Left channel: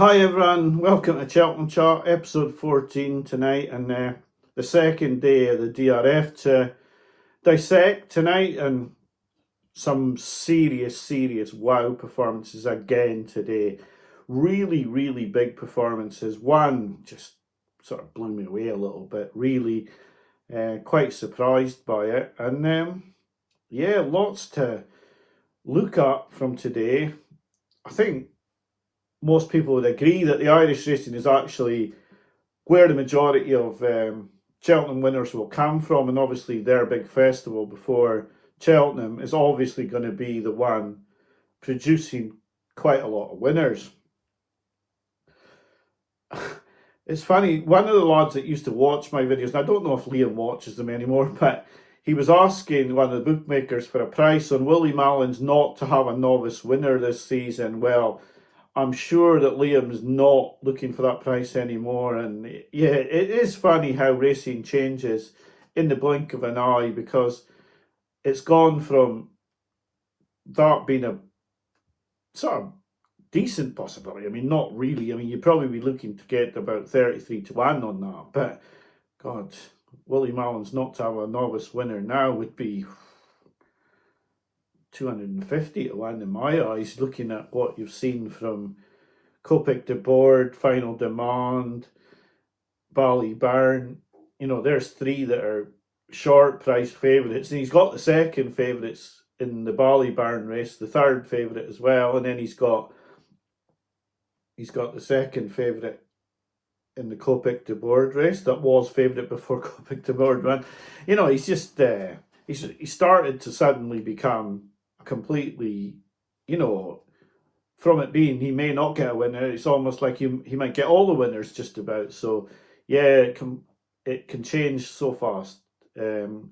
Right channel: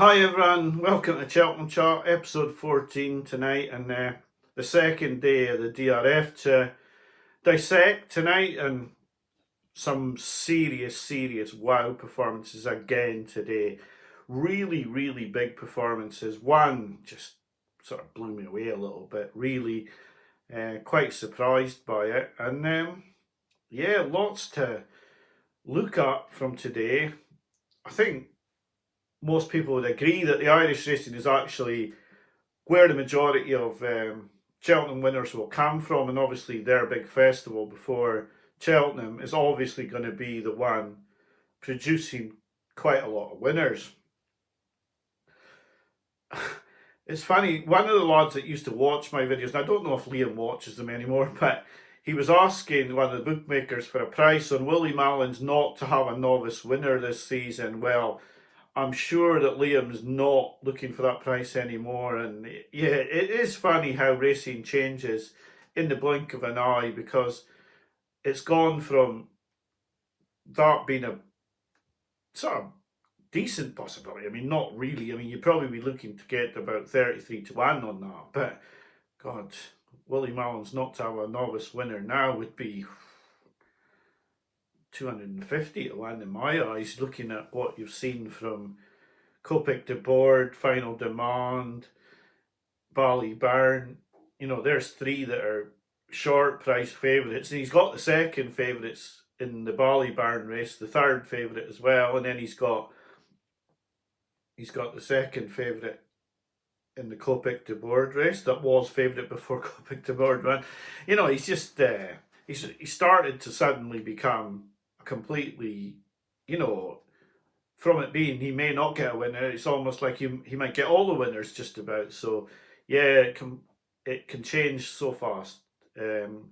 Hi everyone, welcome to Cheltenham Chart, episode 14 tonight, and the second day of the DRF to dissect tonight, and some serious wow performances again today. Really big performances. One just sort of blew me away a little bit, really quite surprised by it, and yeah, lots to look at from today. I think most people would agree that the Irish racing is actually where the majority of Cheltenham winners will come from, and obviously their big festival before Cheltenham is obviously going to be the one producing quite a lot of winners. It's funny, one of the lads that used to watch my videos, and I don't know if Liam watches them anymore, but he was asking one of the bookmakers for a price on Willie Mallon's not to have a novice winner this season. Well, I'm sure that Liam's not looking for that price anymore. And yeah, it is funny how racing changes in the blink of an eye, because it's gone from that being a sort of decent possibility. I mean, not really. I mean, you'd probably be looking to get about 33 to 1 on that. But God, Willie Mallon's not to have a novice winner now would be 250 to 1 in my eyes, looking at what you've seen from Kopek Des Bordes, Final Demand, Ballyburn. You know, there's three that are short price favourites, and he's got the second favourites in the Ballyburn race, the third favourite as well, and then he's got the second favourite in the Kopek Des Bordes race that was favourite before Kopek Des Bordes won. You know, he's just he started to suddenly become completely, you know, from it being he may not get a winner, it's almost like he might get all the winners just about. So yeah, it can change so fast, and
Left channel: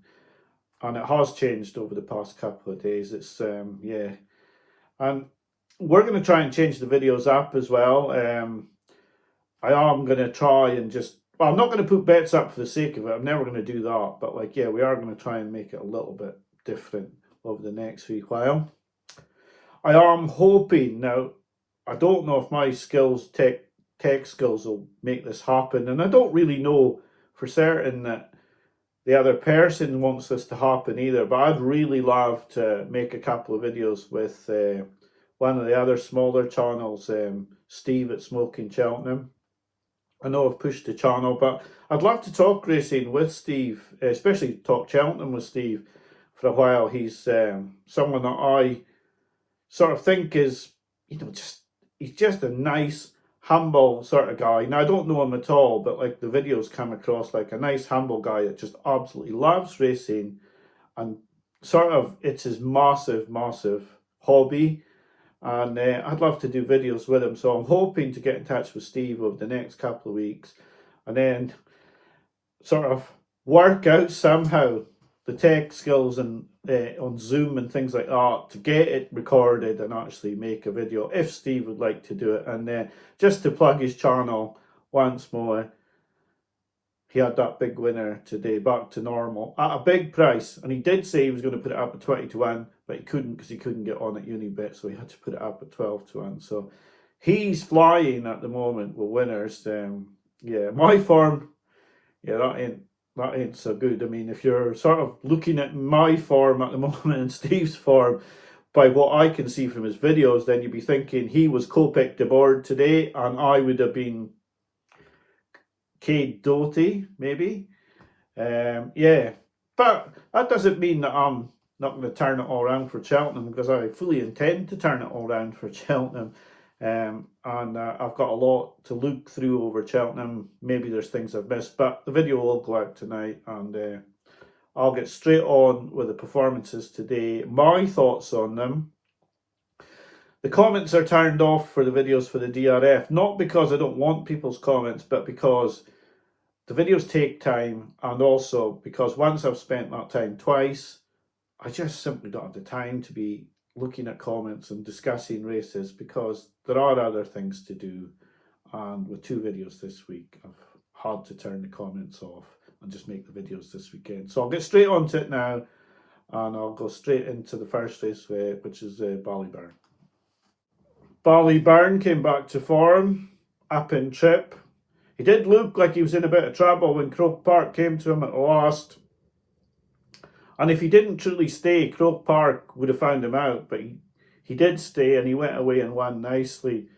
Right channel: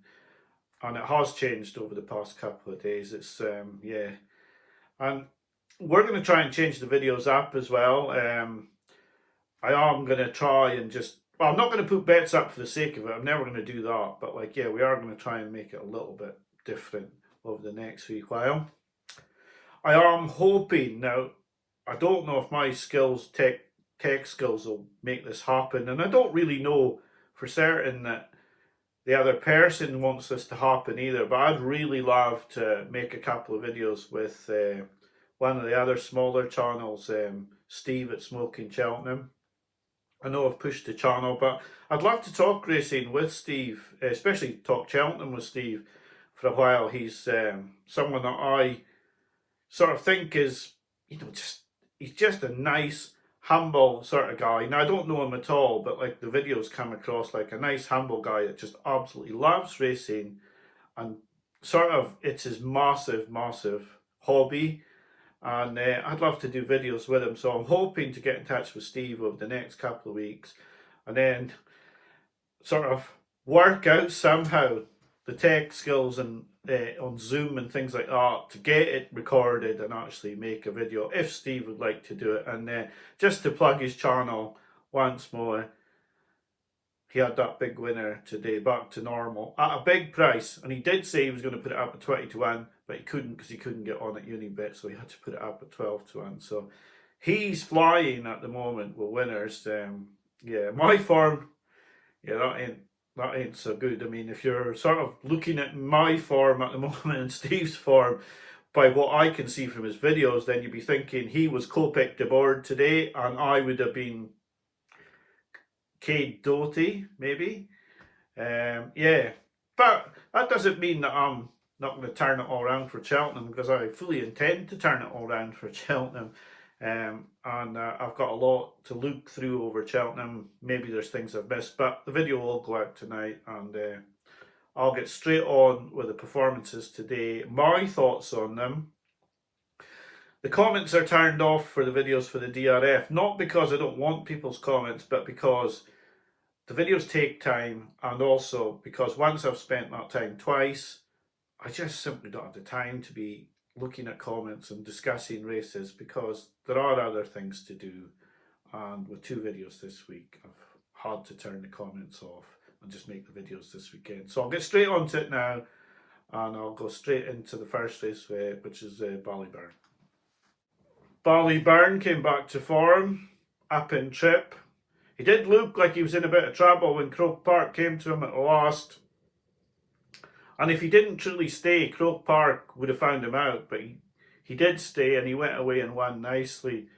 it has changed over the past couple of days. It's yeah, and we're going to try and change the videos up as well. I am going to try and just, well, I'm not going to put bets up for the sake of it. I'm never going to do that. But like, yeah, we are going to try and make it a little bit different over the next wee while. I am hoping now, I don't know if my skills, tech skills will make this happen. And I don't really know for certain that the other person wants this to happen either. But I'd really love to make a couple of videos with one of the other smaller channels, Steve at Smoking Cheltenham. I know I've pushed the channel, but I'd love to talk racing with Steve, especially talk Cheltenham with Steve for a while. He's someone that I sort of think is, you know, he's just a nice, humble sort of guy. Now, I don't know him at all, but like the videos come across like a nice, humble guy that just absolutely loves racing, and sort of it's his massive hobby. And I'd love to do videos with him, so I'm hoping to get in touch with Steve over the next couple of weeks, and then sort of work out somehow the tech skills and on Zoom and things like that to get it recorded and actually make a video if Steve would like to do it. And just to plug his channel once more, he had that big winner today, back to normal at a big price, and he did say he was going to put it up at 20 to 1, but he couldn't because he couldn't get on at Unibet, so he had to put it up at 12 to 1. So he's flying at the moment with winners. Yeah, my form, yeah, that ain't so good. I mean, if you're sort of looking at my form at the moment and Steve's form by what I can see from his videos, then you'd be thinking he was Kopek Des Bordes today, and I would have been Cade Doty, maybe. Yeah, but that doesn't mean that I'm not going to turn it all around for Cheltenham, because I fully intend to turn it all around for Cheltenham. And I've got a lot to look through over Cheltenham. Maybe there's things I've missed, but the video will go out tonight, and I'll get straight on with the performances today, my thoughts on them. The comments are turned off for the videos for the DRF, not because I don't want people's comments, but because the videos take time, and also because once I've spent that time twice, I just simply don't have the time to be looking at comments and discussing races, because there are other things to do. And with 2 videos this week, I've had to turn the comments off and just make the videos this weekend. So I'll get straight onto it now, and I'll go straight into the first race, which is Ballyburn. Ballyburn came back to form. up in trip. He did look like he was in a bit of trouble when Croke Park came to him at the last. And if he didn't truly stay, Croke Park would have found him out. But he did stay, and he went away and won nicely.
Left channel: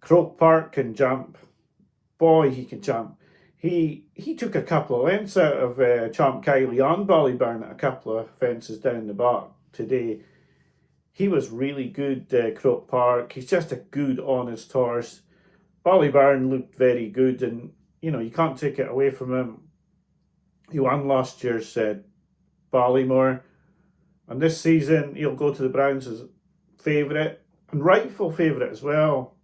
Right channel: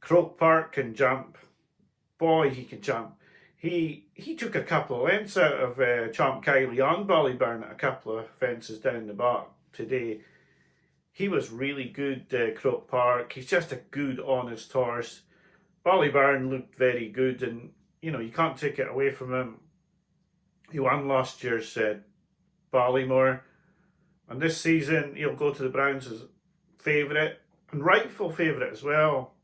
Croke Park can jump. Boy, he can jump. He took a couple of lengths out of Champ.ie on Ballyburn at a couple of fences down the back today. He was really good, Croke Park. He's just a good, honest horse. Ballyburn looked very good, and you can't take it away from him. He won last year's Ballymore, and this season he'll go to the Browns as favourite, and rightful favourite as well.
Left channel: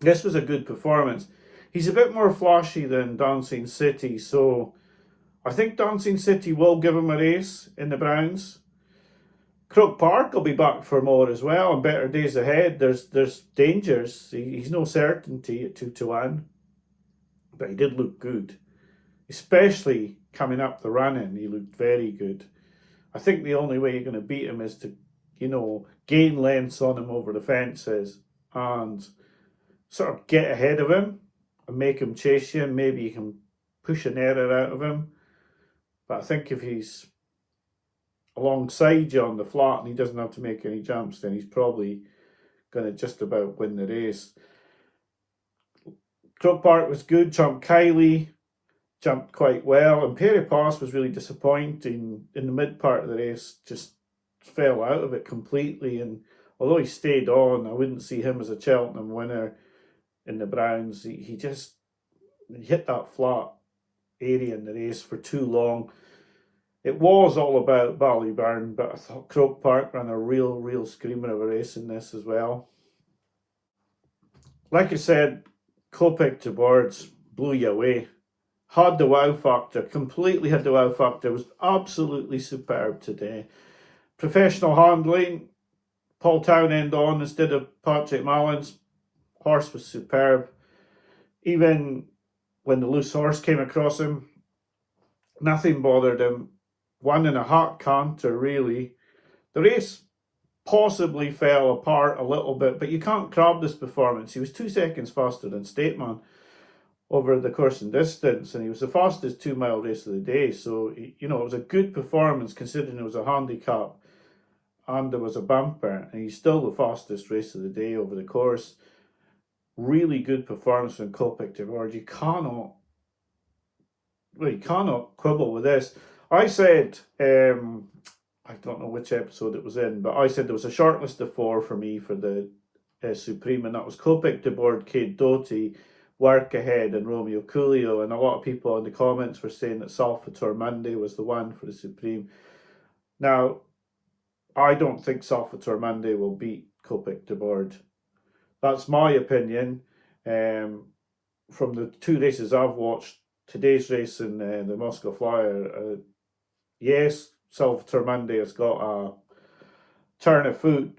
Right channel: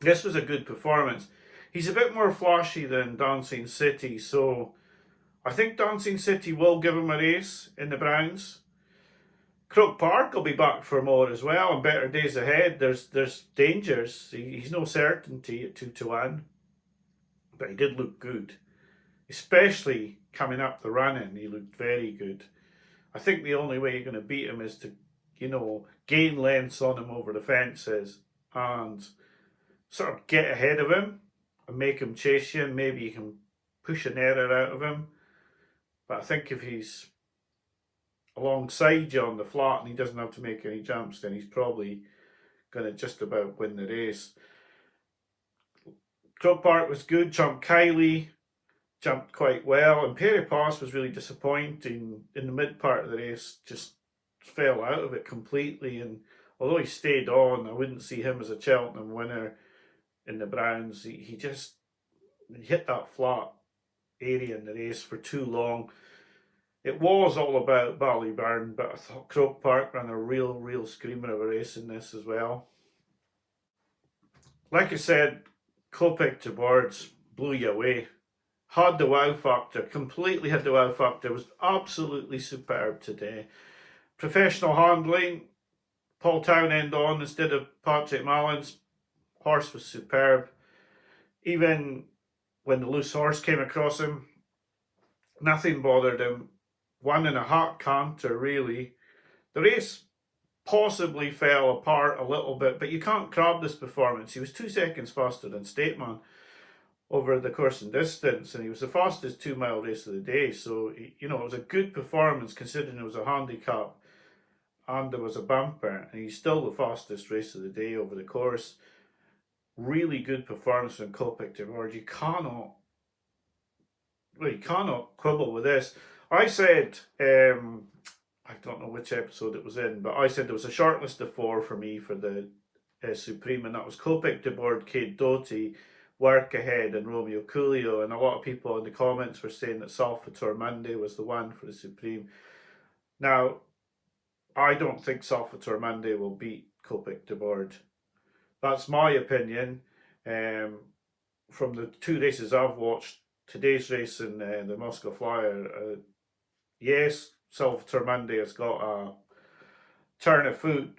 This was a good performance. He's a bit more flashy than Dancing City, so I think Dancing City will give him a race in the Browns. Croke Park will be back for more as well, and better days ahead. There's dangers. He's no certainty at 2-1, but he did look good, especially coming up the running. He looked very good. I think the only way you're going to beat him is to, gain lengths on him over the fences and sort of get ahead of him and make him chase you, and maybe you can push an error out of him. But I think if he's alongside you on the flat and he doesn't have to make any jumps, then he's probably going to just about win the race. Croke Park was good. Champ.ie jumped quite well, and Perry Pass was really disappointing in the mid part of the race, just fell out of it completely. And although he stayed on, I wouldn't see him as a Cheltenham winner in the Browns. He hit that flat area in the race for too long. It was all about Ballyburn, but I thought Croke Park ran a real screamer of a race in this as well. Like I said, Kopek Des Bordes blew you away. Had the wow factor, completely had the wow factor, was absolutely superb today. Professional handling, Paul Townend on instead of Patrick Mallins. Horse was superb. Even when the loose horse came across him, nothing bothered him. Won in a hot canter, really. The race possibly fell apart a little bit, but you can't crab this performance. He was 2 seconds faster than Stateman over the course and distance, and he was the fastest 2 mile race of the day. So, it was a good performance considering it was a handicap and there was a bumper, and he's still the fastest race of the day over the course. Really good performance from Kopek Des Bordes. You cannot quibble with this. I said, I don't know which episode it was in, but I said there was a short list of 4 for me for the Supreme, and that was Kopek Des Bordes, Cade Doty, Work Ahead, and Romeo Coolio. And a lot of people in the comments were saying that Salvatore Monday was the one for the Supreme. Now, I don't think Salvatore Monday will beat Kopek Des Bordes. That's my opinion. From the 2 races I've watched, today's race and the Moscow Flyer, yes, Salvatore Monday has got a turn of foot,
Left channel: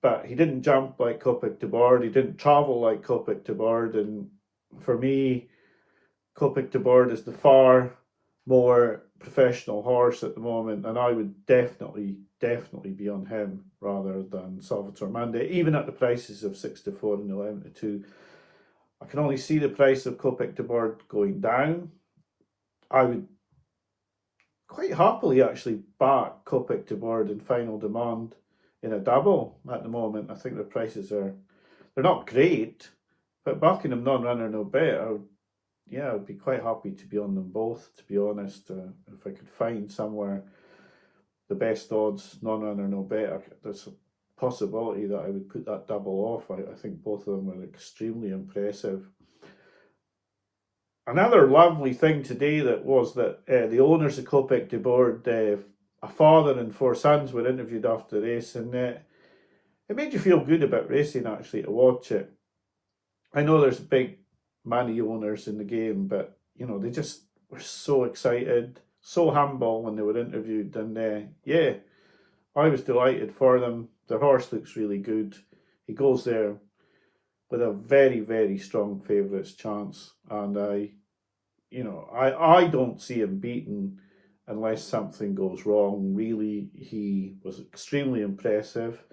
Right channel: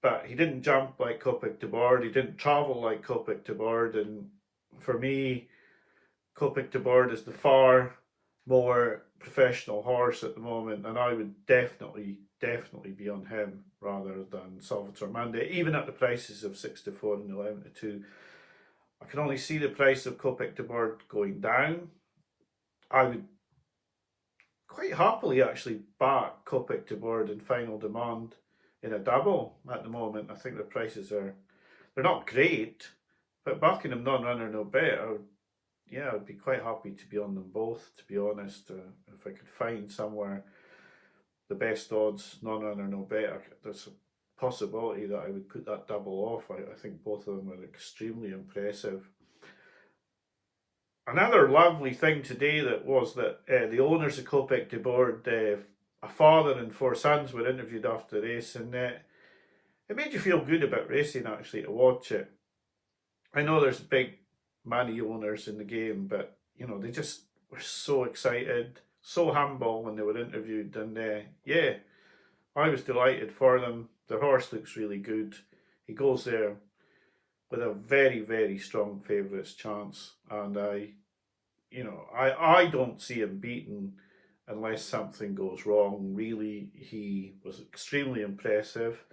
but he didn't jump like Kopek Des Bordes. He didn't travel like Kopek Des Bordes. And for me, Kopek Des Bordes is the far more professional horse at the moment, and I would definitely be on him rather than Salvatore Monday, even at the prices of 6-4 and 11-2. I can only see the price of Kopek Des Bordes going down. I would quite happily actually back Kopek Des Bordes in Final Demand in a double at the moment. I think the prices they're not great, but backing them non-runner no bet, I would be quite happy to be on them both, to be honest. If I could find somewhere the best odds, non-runner no bet, there's a possibility that I would put that double off. I think both of them were extremely impressive. Another lovely thing today was that the owners of Kopek Des Bordes, a father and 4 sons, were interviewed after the race, and it made you feel good about racing actually to watch it. I know there's big money owners in the game, but they just were so excited, so humble when they were interviewed, and I was delighted for them. Their horse looks really good. He goes there with a very strong favourites chance, and I don't see him beaten unless something goes wrong. Really, he was extremely impressive.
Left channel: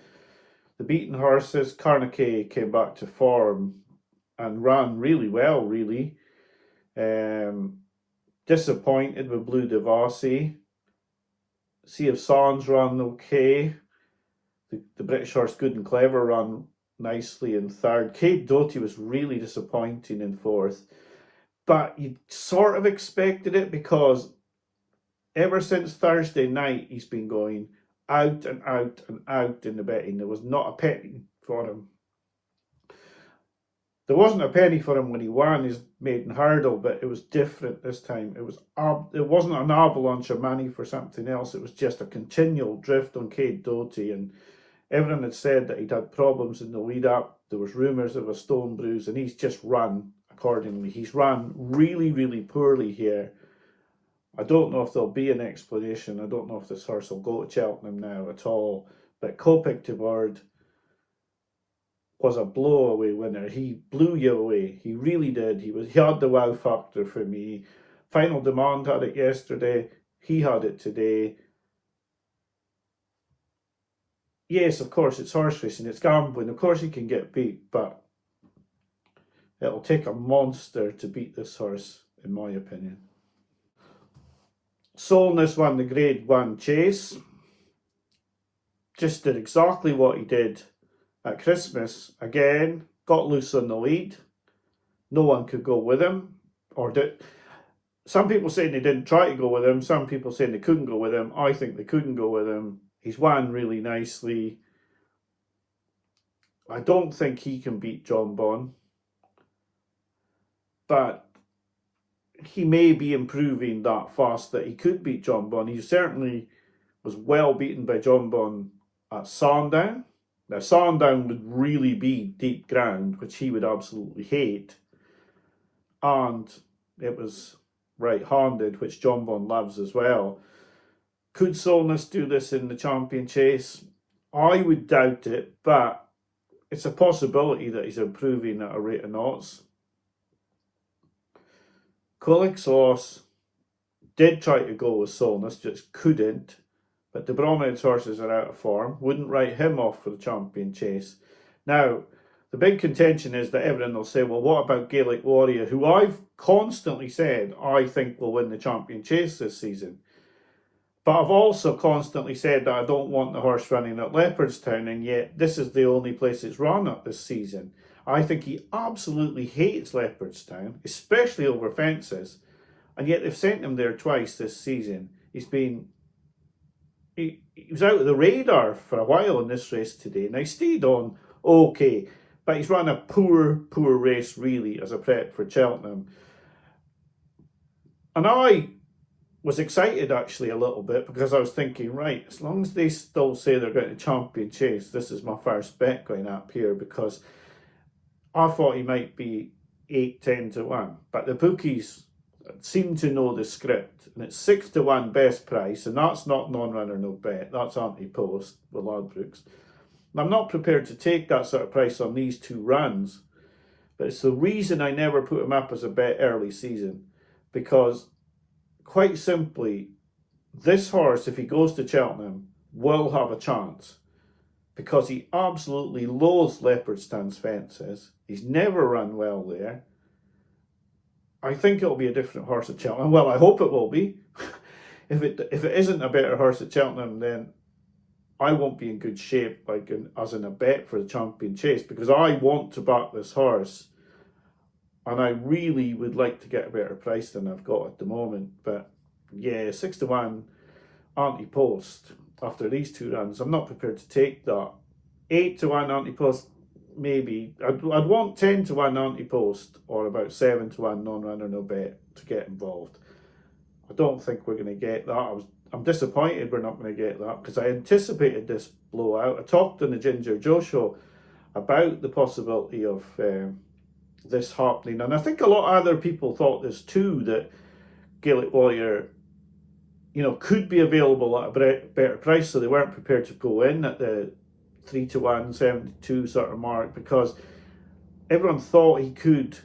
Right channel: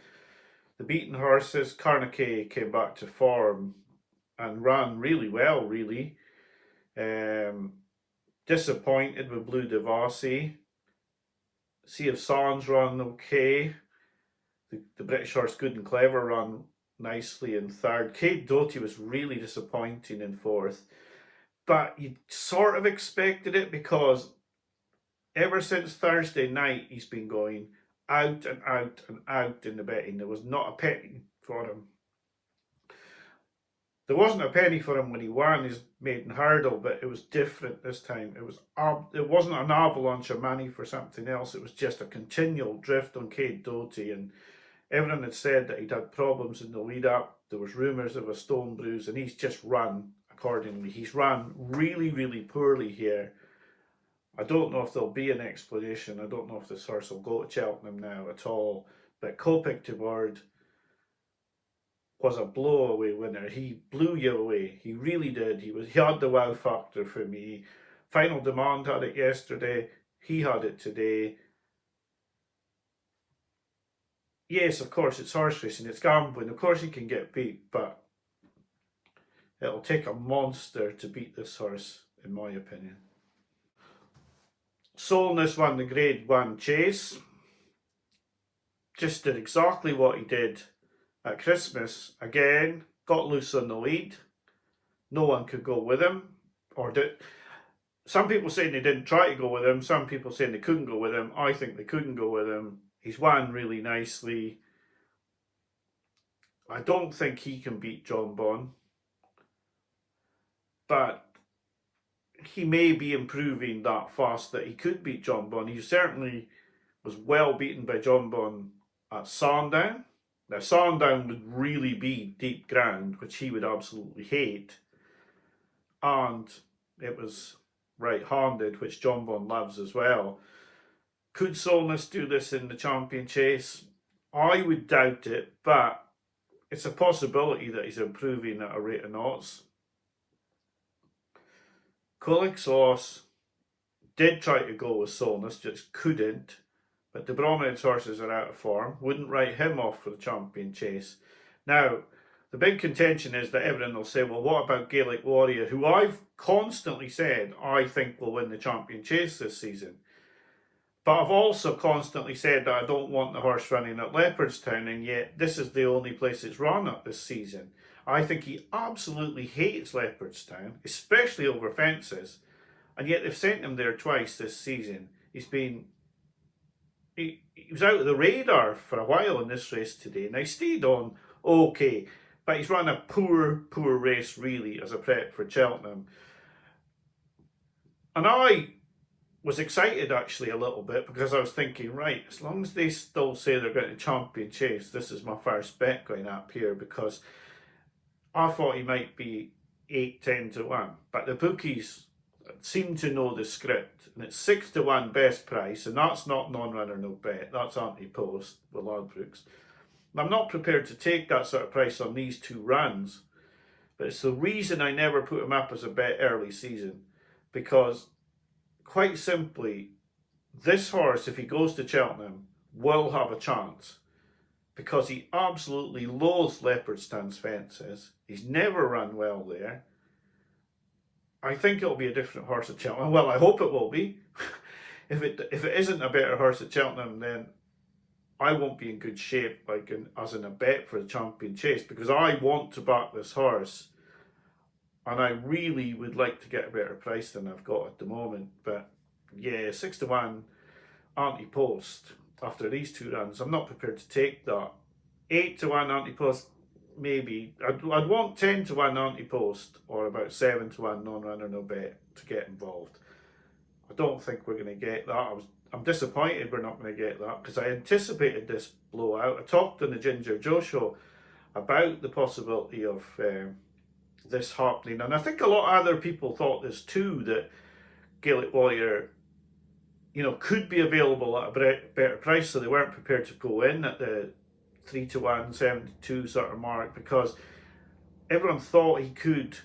The beaten horses, Carnaque came back to form, and ran really well, really. Disappointed with Blue Devasi. Sea of Sans run okay. The British horse Good and Clever run nicely in third. Kate Doty was really disappointing in fourth. But you sort of expected it because ever since Thursday night, he's been going out and out and out in the betting. There was not a penny for him. There wasn't a penny for him when he won his maiden hurdle, but it was different this time. It wasn't an avalanche of money for something else. It was just a continual drift on Kate Doty, and everyone had said that he'd had problems in the lead up. There was rumours of a stone bruise, and he's just run accordingly. He's run really, really poorly here. I don't know if there'll be an explanation. I don't know if this horse will go to Cheltenham now at all. But Kopek Des Bordes was a blow-away winner. He blew you away. He really did. He had the wow factor for me. Final Demand had it yesterday. He had it today. Yes, of course, it's horse racing. It's gambling. Of course he can get beat, but it'll take a monster to beat this horse, in my opinion. Solness won the Grade 1 chase. Just did exactly what he did at Christmas. Again, got loose on the lead. No one could go with him. Some people saying they didn't try to go with him. Some people saying they couldn't go with him. I think they couldn't go with him. He's won really nicely. I don't think he can beat John Bon. But he may be improving that fast that he could beat John Bon. He certainly was well beaten by John Bon at Sandown. Now, Sandown would really be deep ground, which he would absolutely hate. And it was right-handed, which John Bon loves as well. Could Solness do this in the champion chase? I would doubt it, but it's a possibility that he's improving at a rate of knots. Kulik's Loss did try to go with Solness, just couldn't. But the Bromhead's horses are out of form. Wouldn't write him off for the champion chase. Now, the big contention is that everyone will say, well, what about Gaelic Warrior, who I've constantly said I think will win the champion chase this season. But I've also constantly said that I don't want the horse running at Leopardstown, and yet this is the only place it's run at this season. I think he absolutely hates Leopardstown, especially over fences, and yet they've sent him there twice this season. He was out of the radar for a while in this race today. Now, he stayed on okay, but he's run a poor race, really, as a prep for Cheltenham. And I was excited, actually, a little bit, because I was thinking, right, as long as they still say they're going to champion chase, this is my first bet going up here, because I thought he might be 8-10 to 1. But the bookies seem to know the script, and it's 6 to 1 best price, and that's not non-runner, no bet. That's anti-post with Ladbrokes. I'm not prepared to take that sort of price on these two runs, but it's the reason I never put him up as a bet early season, because quite simply, this horse, if he goes to Cheltenham, will have a chance, because he absolutely loathes Leopardstown's fences. He's never run well there. I think it'll be a different horse at Cheltenham. Well, I hope it will be. If it isn't a better horse at Cheltenham, then I won't be in good shape, as in a bet for the champion chase, because I want to back this horse, and I really would like to get a better price than I've got at the moment. But yeah, 6 to 1 anti-post after these two runs, I'm not prepared to take that. 8 to 1 anti-post, maybe. I'd want 10 to 1 anti-post, or about 7 to 1 non-runner, no bet to get involved. I don't think we're going to get that. I'm disappointed we're not going to get that, because I anticipated this blowout. I talked on the Ginger Joe show about the possibility of this happening, and I think a lot of other people thought this too, that Gaelic Warrior, could be available at a better price, so they weren't prepared to go in at the 3 to 1, 72 sort of mark, because everyone thought he could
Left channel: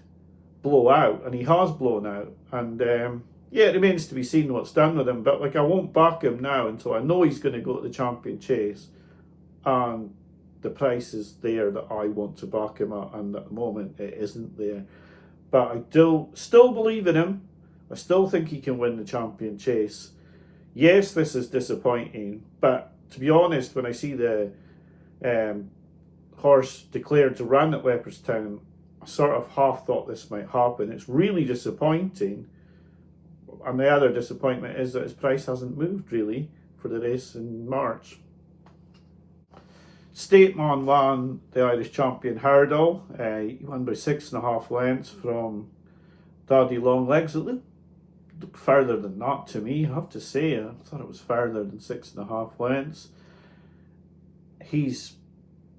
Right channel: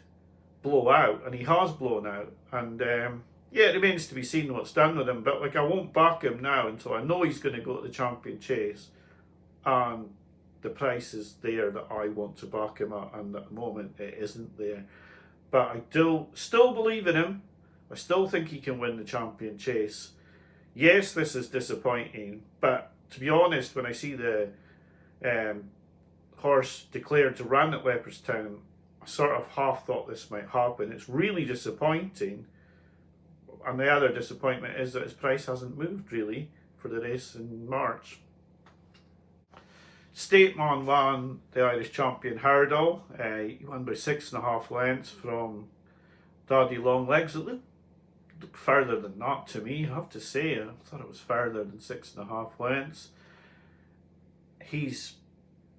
blow out, and he has blown out. And yeah, it remains to be seen what's done with him, but I won't back him now until I know he's going to go to the champion chase, and the price is there that I want to back him at, and at the moment it isn't there. But I do still believe in him. I still think he can win the Champion Chase. Yes, this is disappointing, but to be honest, when I see the horse declared to run at Leopardstown, I sort of half thought this might happen. It's really disappointing. And the other disappointment is that his price hasn't moved really for the race in March. Stateman won the Irish Champion hurdle. He won by 6.5 lengths from Daddy Longlegs. It looked further than that to me, I have to say. I thought it was further than 6.5 lengths. He's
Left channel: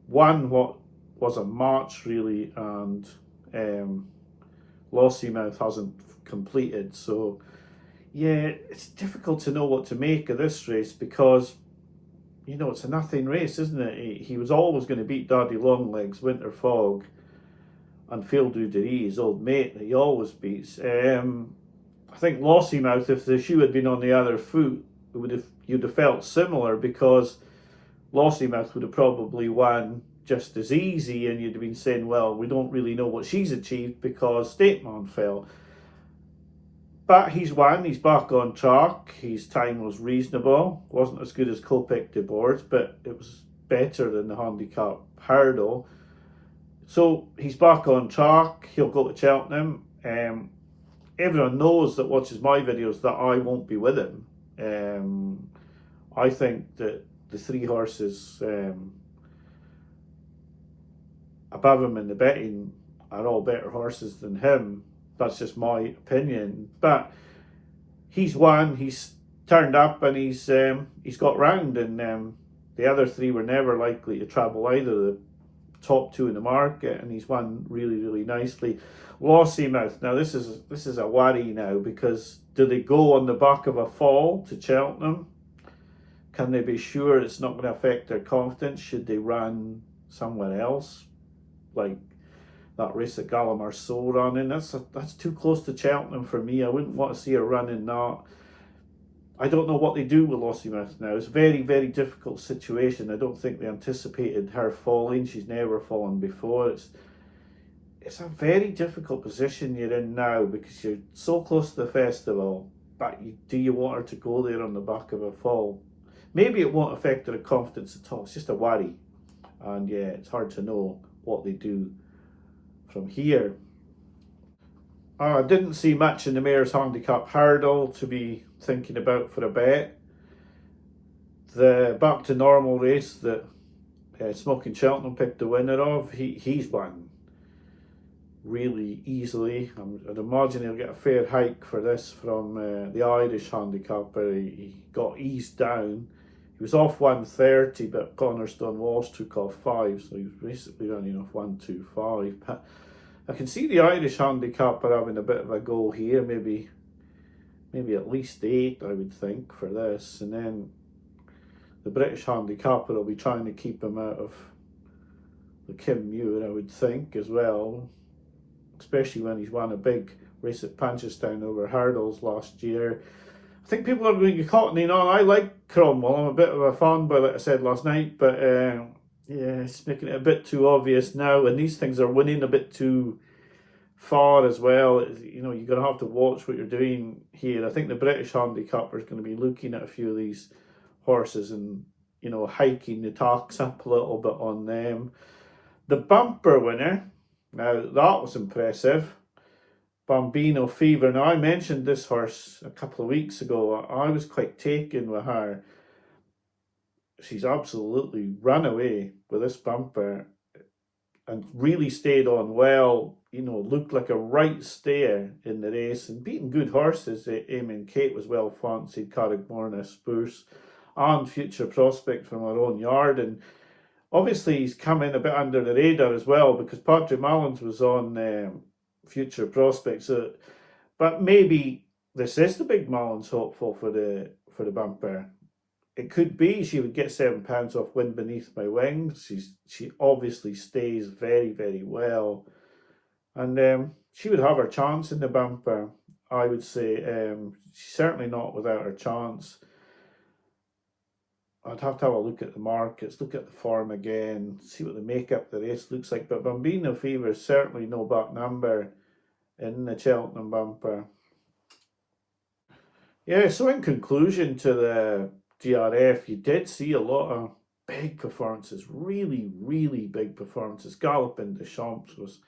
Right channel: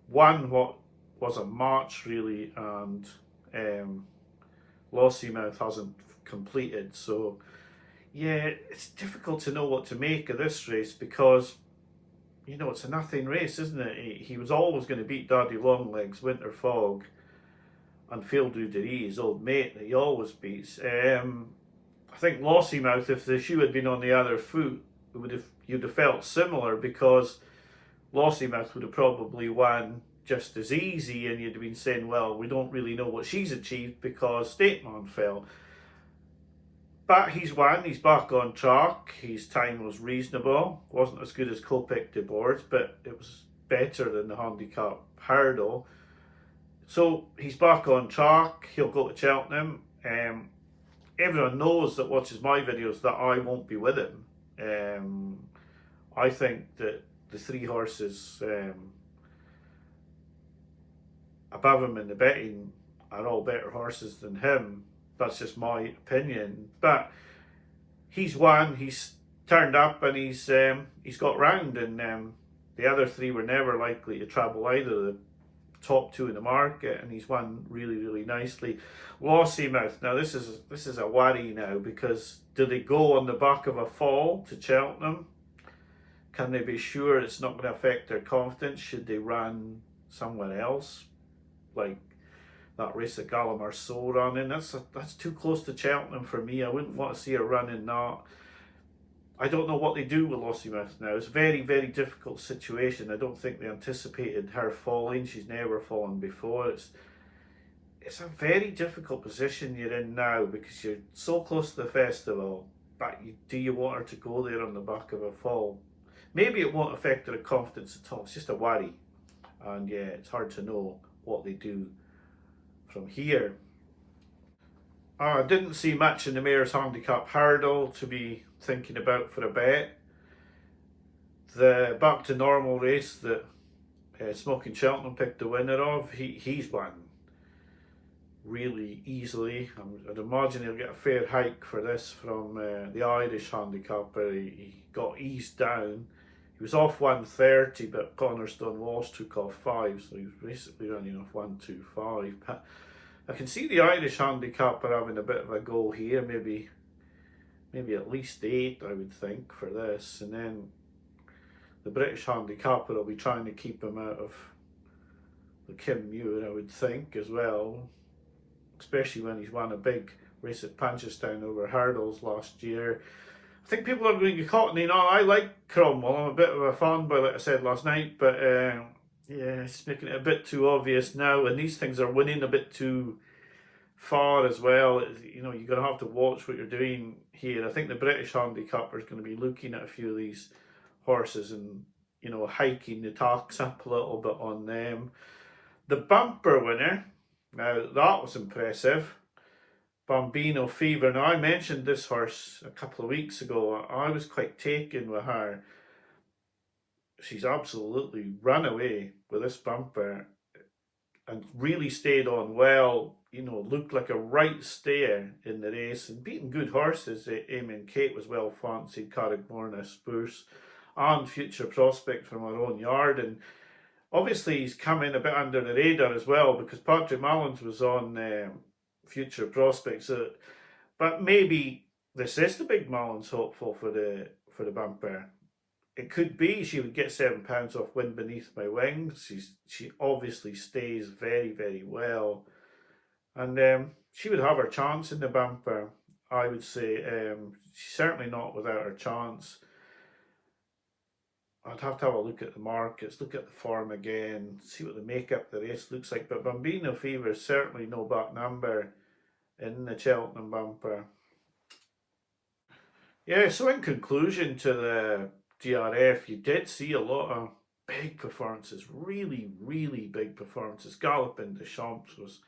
won what was a match really, and Lossiemouth hasn't completed. So yeah, it's difficult to know what to make of this race because, you know, it's a nothing race, isn't it? He was always going to beat Daddy Longlegs, Winter Fog, and Field du Derry, his old mate that he always beats. I think Lossiemouth, if the shoe had been on the other foot, you'd have felt similar, because Lossiemouth would have probably won just as easy, and you'd have been saying, well, we don't really know what she's achieved because Stateman fell. But he's won, he's back on track, his time was reasonable, wasn't as good as Kopek Des Bordes, but it was better than the handicap hurdle. So he's back on track, he'll go to Cheltenham. Everyone knows that watches my videos that I won't be with him. I think that the 3 horses above him in the betting are all better horses than him. That's just my opinion. But he's won, he's turned up, and he's got round, and the other 3 were never likely to travel either, the top 2 in the market, and he's won really, really nicely. Lossiemouth, now this is a worry now, because do they go on the back of a fall to Cheltenham? Can they be sure it's not going to affect their confidence? Should they run somewhere else, like that race that Gallimar So ran in? That's too close to Cheltenham for me. I wouldn't want to see her running that. I don't know what they do with Lossiemouth now. It's a very, very difficult situation. I don't think they anticipated her falling. She's never fallen before. It's a very difficult position you're in now, because you're so close to the festival, but do you want her to go there on the back of a fall? Maybe it won't affect her confidence at all. It's just a worry. And yeah, it's hard to know what they do from here. I didn't see much in the Mayor's Handicap hurdle to be thinking about for a bet. The back to normal race that Smoking Cheltenham picked the winner of, he's won really easily. I'd imagine he'll get a fair hike for this from the Irish handicapper. He got eased down. He was off 130, but Cornerstone Walsh took off 5, so he was basically running off 125. But I can see the Irish handicapper having a bit of a go here, maybe at least 8, I would think, for this. And then the British handicapper will be trying to keep him out of the Kim Muir, I would think, as well, especially when he's won a big race at Punchestown over hurdles last year. I think people are going to cottoning on. I like Cromwell. I'm a bit of a fanboy, like I said last night, but yeah, it's making it a bit too obvious now, and these things are winning a bit too far as well. You know, you're going to have to watch what you're doing here. I think the British handicapper is going to be looking at a few of these horses and, you know, hiking the tax up a little bit on them. The bumper winner, now that was impressive. Bambino Fever. Now I mentioned this horse a couple of weeks ago. I was quite taken with her. She's absolutely run away with this bumper and really stayed on well. You know, looked like a right stayer in the race and beating good horses. Eamon Kate was well fancied, Carrickmorna Spurs, and Future Prospect from our own yard. And obviously he's come in a bit under the radar as well, because Patrick Mullins was on Future Prospects. So, but maybe this is the big Mullins hopeful for the bumper. It could be. She would get £7 off Wind Beneath My Wings. She obviously stays very, very well, and she would have her chance in the bumper. I would say she's certainly not without her chance. I'd have to have a look at the markets, look at the form again, see what the makeup of the race looks like. But Bambino Fever is certainly no back number in the Cheltenham bumper. Yeah, so in conclusion to the DRF, you did see a lot of big performances, really, really big performances. Galloping the Champs was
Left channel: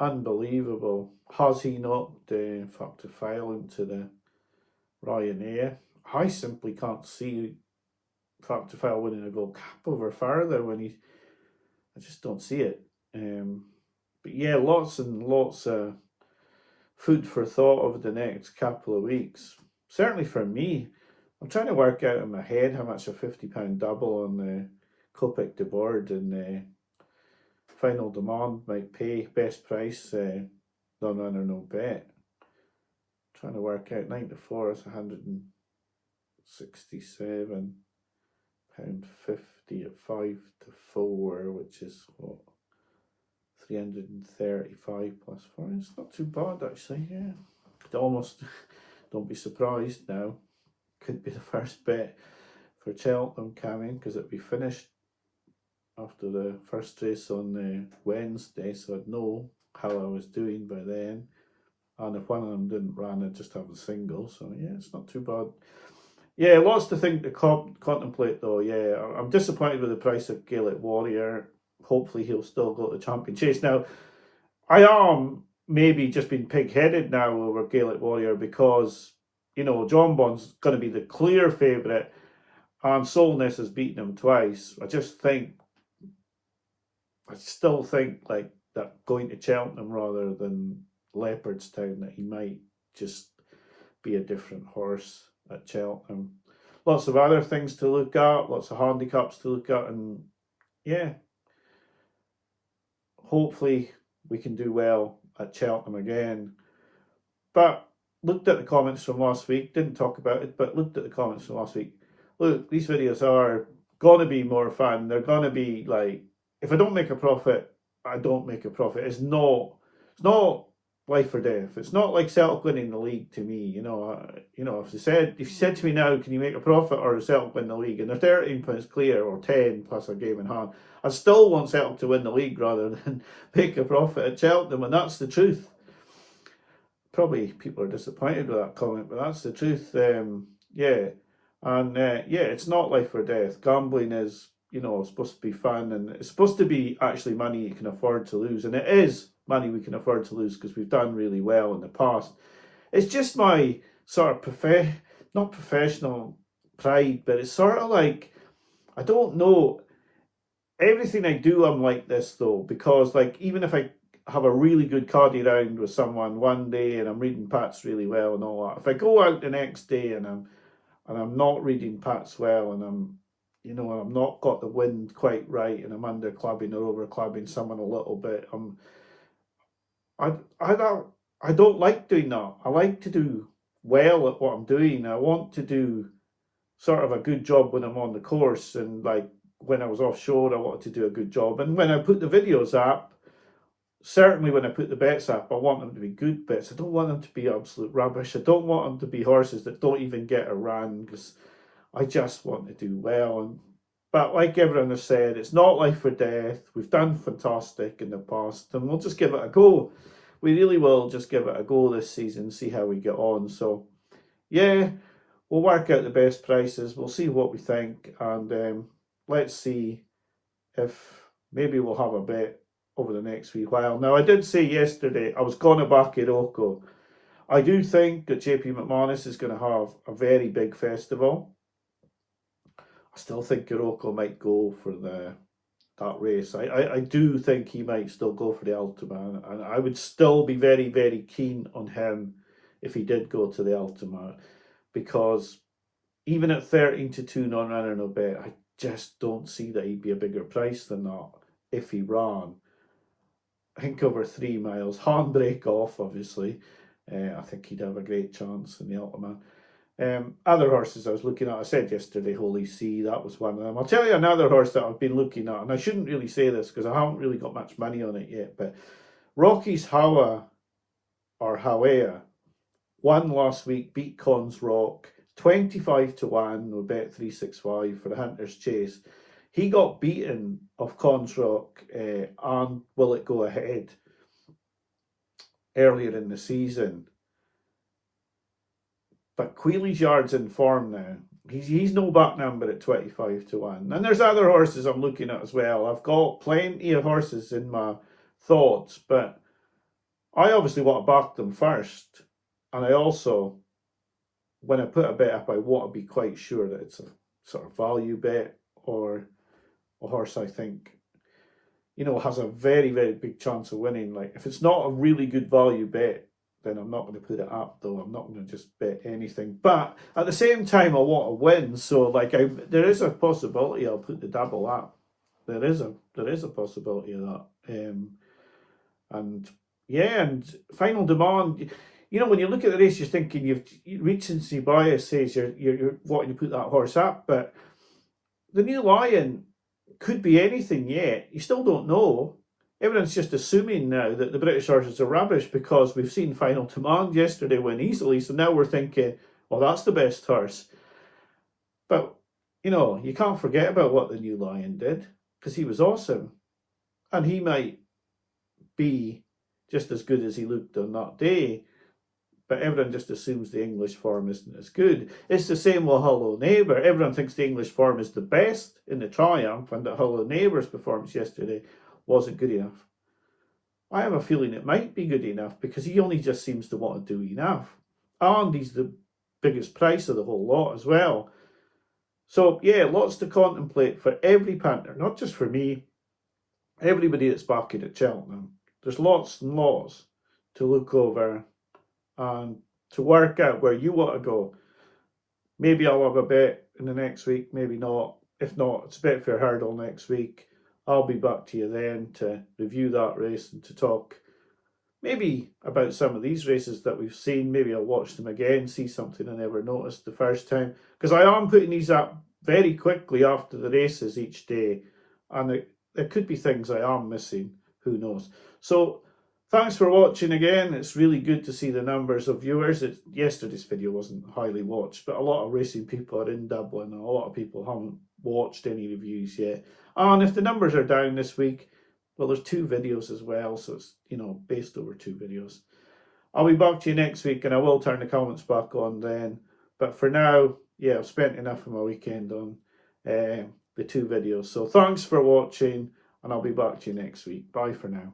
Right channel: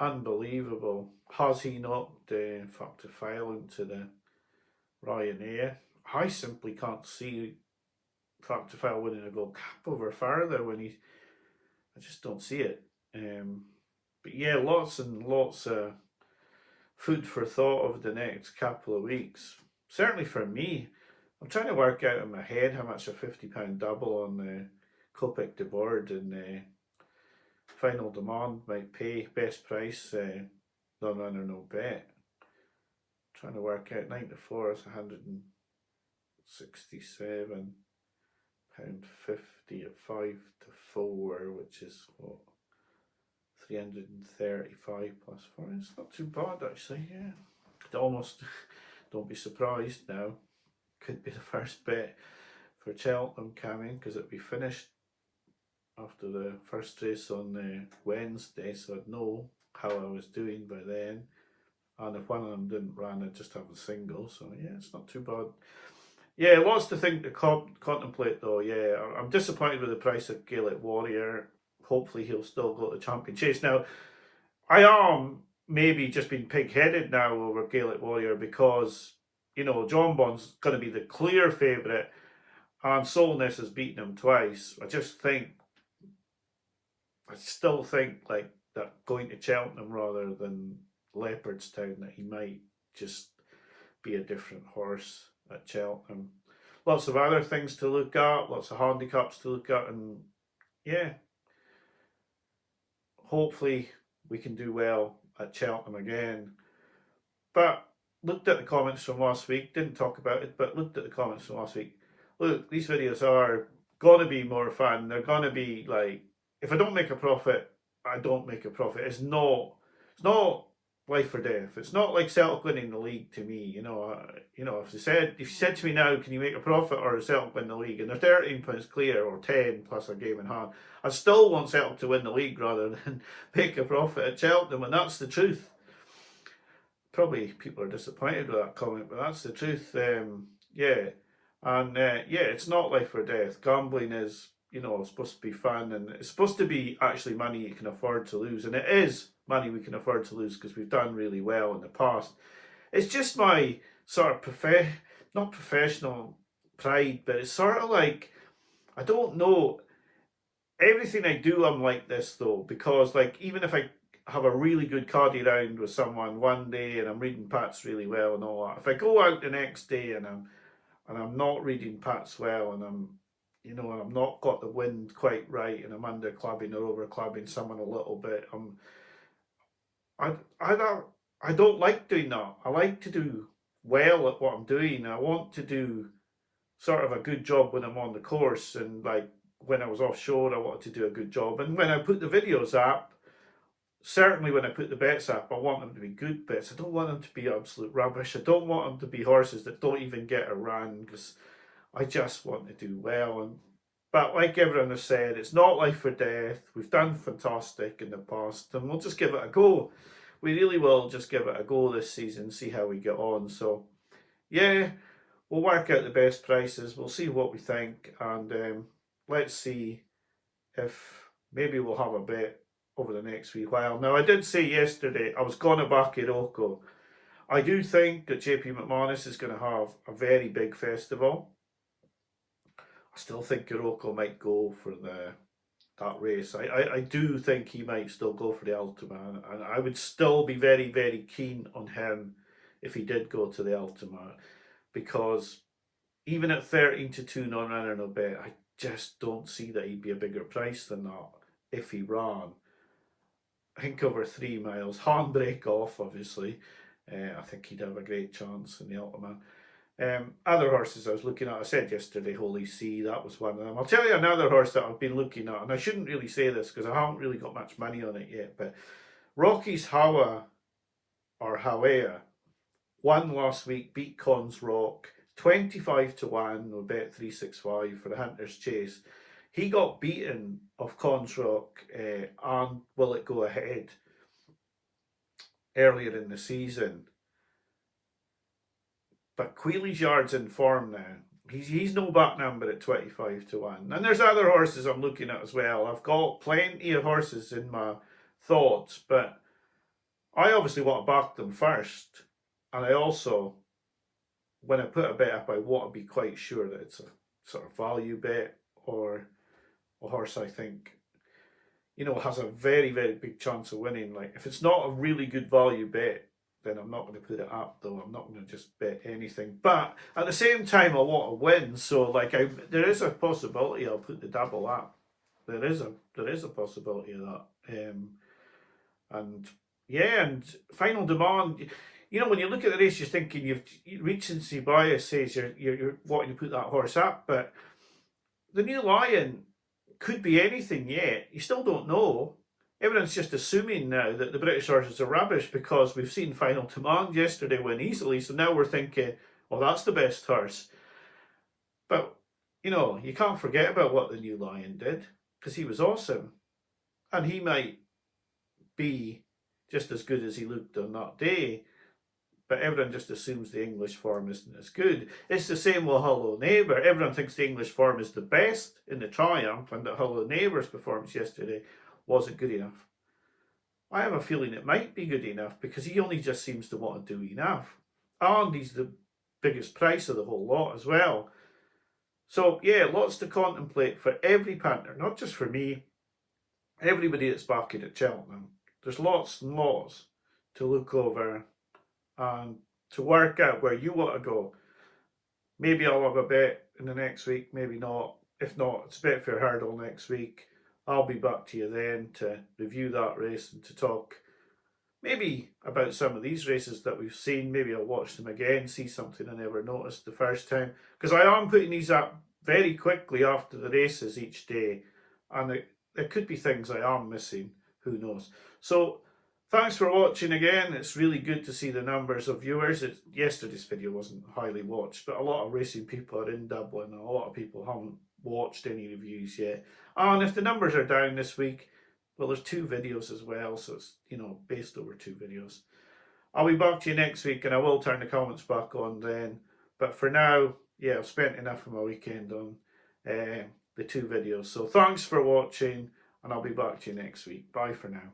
unbelievable. Has he knocked Factor File into the Ryanair? I simply can't see Factor File winning a gold cap over further when he. I just don't see it. But yeah, lots and lots of food for thought over the next couple of weeks. Certainly for me, I'm trying to work out in my head how much a £50 double on the Kopek Des Bordes and Final Demand might pay. Best price, non-runner, no bet. Trying to work out 9 to 4 is £167.50 at 5 to 4, which is what, 335 plus 4. It's not too bad actually. Yeah, could almost don't be surprised now. Could be the first bet for Cheltenham coming, because it'll be finished after the first race on Wednesday, so I'd know how I was doing by then. And if one of them didn't run, I'd just have a single. So yeah, it's not too bad. Yeah, lots to think to contemplate though. Yeah, I'm disappointed with the price of Gaelic Warrior. Hopefully he'll still go to the Champion Chase. Now, I am maybe just being pig-headed now over Gaelic Warrior because, you know, John Bond's going to be the clear favourite and Solness has beaten him twice. I still think like that going to Cheltenham rather than Leopardstown, that he might just be a different horse at Cheltenham. Lots of other things to look at, lots of handicaps to look at, and yeah, hopefully we can do well at Cheltenham again. But looked at the comments from last week, didn't talk about it, but looked at the comments from last week. Look, these videos are going to be more fun. They're going to be like, if I don't make a profit, I don't make a profit. It's not life or death. It's not like Celtic winning the league to me. You know, if you said to me now, can you make a profit or Celtic win the league, and they're 13 points clear or 10 plus a game in hand, I still want Celtic to win the league rather than make a profit at Cheltenham, and that's the truth. Probably people are disappointed with that comment, but that's the truth. Yeah, and yeah, it's not life or death. Gambling is, you know, supposed to be fun, and it's supposed to be actually money you can afford to lose, and it is money we can afford to lose because we've done really well in the past. It's just my sort of not professional pride, but it's sort of like, I don't know. Everything I do, I'm like this though, because like even if I have a really good cardie round with someone one day and I'm reading Pats really well and all that, if I go out the next day and I'm not reading Pats well and I'm not got the wind quite right and I'm under clubbing or over clubbing someone a little bit, I don't like doing that. I like to do well at what I'm doing. I want to do sort of a good job when I'm on the course, and like when I was offshore, I wanted to do a good job. And when I put the videos up, certainly when I put the bets up, I want them to be good bets. I don't want them to be absolute rubbish. I don't want them to be horses that don't even get a run, because I just want to do well. But like everyone has said, it's not life or death. We've done fantastic in the past, and we'll just give it a go. We really will just give it a go this season, see how we get on. So, yeah, we'll work out the best prices. We'll see what we think, and let's see if maybe we'll have a bet over the next wee while. Now, I did say yesterday I was going to back Iroko. I do think that JP McManus is going to have a very big festival. I still think Iroko might go for that race. I do think he might still go for the Ultima, and I would still be very, very keen on him if he did go to the Ultima, because even at 13 to 2 non-runner no bet, I just don't see that he'd be a bigger price than that if he ran. I think over 3 miles, handbrake off, obviously. I think he'd have a great chance in the Ultima. Other horses I was looking at, I said yesterday, Holy See, that was one of them. I'll tell you another horse that I've been looking at, and I shouldn't really say this because I haven't really got much money on it yet, but Rocky's Hawa, or Hawea, won last week, beat Cons Rock. 25 to 1 or bet 365 for the Hunter's Chase. He got beaten off Consrock and Will It Go Ahead earlier in the season. But Quealy's Yard's in form now. He's no back number at 25 to 1. And there's other horses I'm looking at as well. I've got plenty of horses in my thoughts, but I obviously want to back them first. And I also, when I put a bet up, I want to be quite sure that it's a sort of value bet or a horse I think, has a very, very big chance of winning. Like, if it's not a really good value bet, then I'm not going to put it up, though. I'm not going to just bet anything. But at the same time, I want to win. So, there is a possibility I'll put the double up. There is a possibility of that. And Final Demand. When you look at the race, you're thinking recency bias says you're wanting to put that horse up, but the New Lion could be anything yet. You still don't know. Everyone's just assuming now that the British horses are rubbish because we've seen Final Demand yesterday win easily. So now we're thinking, well, that's the best horse. But, you can't forget about what the New Lion did because he was awesome. And he might be just as good as he looked on that day. But everyone just assumes the English form isn't as good. It's the same with Hello Neighbour. Everyone thinks the English form is the best in the Triumph and that Hello Neighbour's performance yesterday wasn't good enough. I have a feeling it might be good enough because he only just seems to want to do enough. And he's the biggest price of the whole lot as well. So, lots to contemplate for every punter, not just for me, everybody that's backing at Cheltenham. There's lots and lots to look over and to work out where you want to go. Maybe I'll have a bet in the next week, maybe not. If not, it's a Betfair Hurdle next week. I'll be back to you then to review that race and to talk maybe about some of these races that we've seen. Maybe I'll watch them again, see something I never noticed the first time. Because I am putting these up very quickly after the races each day. And there could be things I am missing. Who knows? So, thanks for watching again. It's really good to see the numbers of viewers. Yesterday's video wasn't highly watched, but a lot of racing people are in Dublin and a lot of people haven't watched any reviews yet. And if the numbers are down this week, well, there's 2 videos as well, so it's, based over 2 videos. I'll be back to you next week and I will turn the comments back on then. But for now, I've spent enough of my weekend on the 2 videos. So thanks for watching and I'll be back to you next week. Bye for now.